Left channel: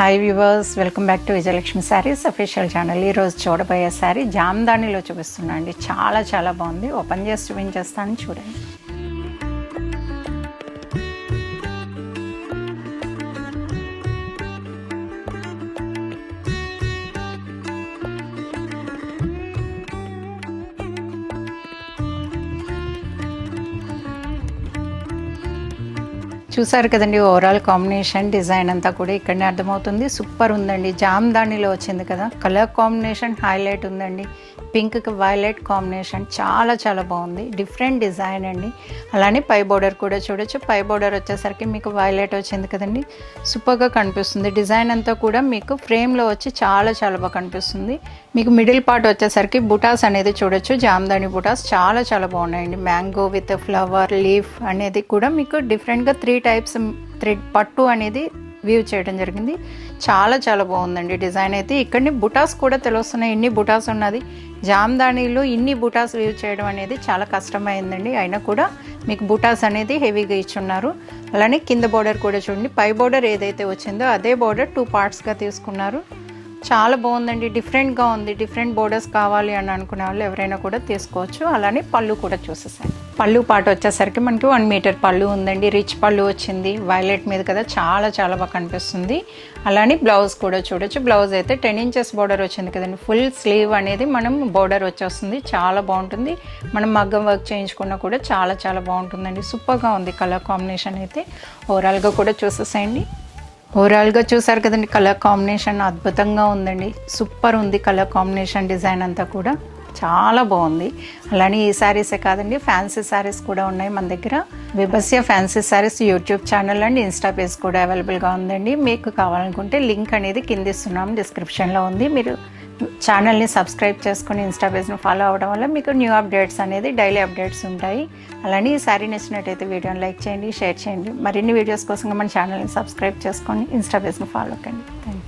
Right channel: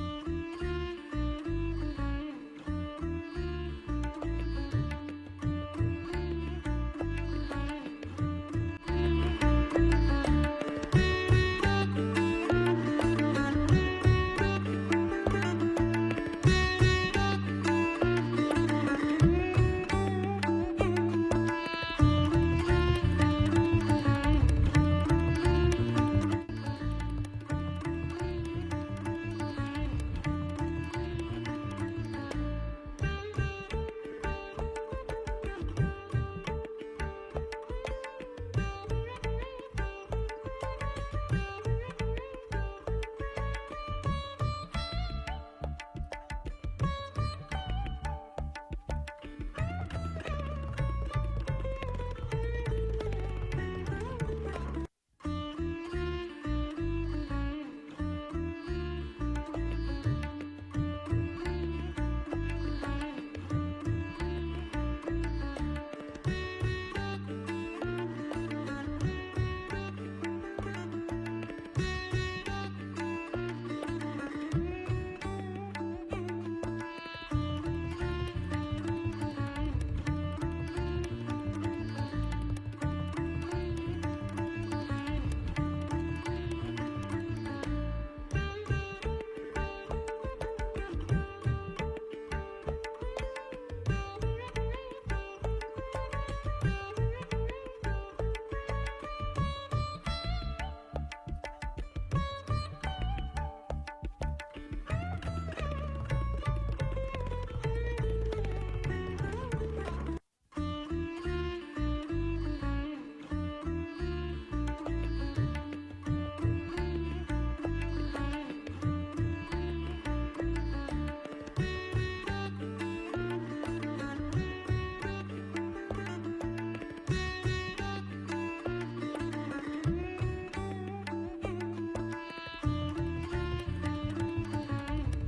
Hi viewers, welcome back to Vijayalakshmi saris official channel. ఈరోజు చూడబోయే శారీ జామ్దానిలో చూపిస్తున్నా అండి. చాలా బాగుంది. ఓపెన్ చేసి చూపించేస్తాను, చూడండి. చూసారు కదండి, ఓవరాల్ కాంబినేషన్ డిజైన్ అంతా కూడా ఇక్కడనే అర్థమవుతుంది. సూపర్ ఉందండి. జామ్దానిలో వచ్చింది కదా, కలర్ కాంబినేషన్ హైలైట్ ఉందండి. పింక్కి వైలెట్ కాంబినేషన్ చాలా బాగుంది. డిఫరెంట్ డిజైన్ అండి. అలానే పై బోర్డర్ కూడా చూడొచ్చు. పై బోర్డర్ వచ్చేసరికి మీకు వైలెట్ వచ్చింది కదండి, సూపర్గా కనిపిస్తుంది. డిజైన్ అంతా కూడా మీకు ఫ్రేమ్లో వచ్చి చాలా బాగా కనిపిస్తుంది. మీకు మిడిల్ పార్ట్ వచ్చేసరికి బుటాస్ అనేది చూడొచ్చు. జామ్దాని బుటాస్ చాలా బాగున్నాయండి. మ్యాంగో విత్ ఫ్లవర్ లీఫ్ అనేది కూడా మీకు డిఫరెంట్గా 3 టైప్స్ థ్రెడ్ పట్టు అనేది వ్యూ చేయడం జరిగింది. చాలా బాగుందండి డిజైన్ అయితే. ఇక్కడిని బుటాస్ కూడా తెలుస్తున్నాయి, ఇన్ని బుటాస్ ఉన్నది. జామ్దానీలో ఇన్ని బుటాస్ వ్యూ చేయడం అనేది చాలా కష్టమైందండి. అయినా కూడా మీకు బుటాస్ అనేది హెవీగా ఇచ్చున్నారు. అలానే కింద బోర్డర్ కూడా చూడండి. పై బోర్డర్ ఏదైతే వచ్చిందో అదే బోర్డర్ 2 పార్ట్స్గా తీసుకున్నారు. చాలా బాగుందండి. డిఫరెంట్గా ఉంది. డిఫరెంట్ బోర్డర్స్ కావాలి అని అనుకునే వాళ్ళు ఎవరైనా కూడా తీసుకోవచ్చు. అలానే పళ్ళు కూడా చూసేసాను. పళ్ళు పాట వచ్చేసరికి మనకి 1 మీటర్ పళ్ళు ఉందండి. రిచ్ పళ్ళు వచ్చింది. వైలెట్ మీద కదా, చాలా బాగా కనిపిస్తుంది. అలానే బ్లౌజ్ కూడా చూడొచ్చు. బ్లౌజ్ అయితే 10 ఇంచెస్ బోర్డర్ వచ్చింది కదండి. ఫుల్ స్లీవ్ అనేది మనం బోర్డర్ వచ్చేస్తుంది. చాలా బాగుంటుంది. మనం మగ్గం వర్క్ చేయించుకున్నా కూడా చాలా బాగుంటుందండి. సూపర్గా ఉంది కలర్ కాంబినేషన్ అయితే. ఓవరాల్గా కూడా చూసేసేయండి. ఓవరాల్గా చూసారు కదండి, కలర్ కాంబినేషన్ అద్భుతంగా ఉందండి. సూపర్ ఉంది కలర్ కాంబినేషన్. డిజైన్ అంతా కూడా చాలా బాగుంది. అలానే ఈ శారీసే కాదండి, ఫ్యాన్సీ శారీస్ కూడా ఉన్నాయి మన దగ్గర. Vibhasya fancy sarees YouTube channel and insta page కూడా అవైలబుల్గా ఉందండి. మీకు కావాలనుకుంటే లింక్ అనేది కింద ఇస్తున్నాం, డిస్క్రిప్షన్లో ఉంది. మీరు ఛానల్ని సబ్స్క్రైబ్ చేసుకుని ఇన్స్టా పేజ్ని ఫాలో అవ్వడం వల్ల మీకు న్యూ అప్డేట్స్ అనేది డైలీ అప్డేట్స్ ఉంటాయి. అలానే ఈ శారీ నచ్చినట్టయితే వీడియోని లైక్ చేయండి, షేర్ చేయండి. మరిన్ని వీడియోస్ కోసం మన ఛానల్ని సబ్స్క్రైబ్ చేసుకొని ఇన్స్టా పేజ్ని ఫాలో కండి. Thank you.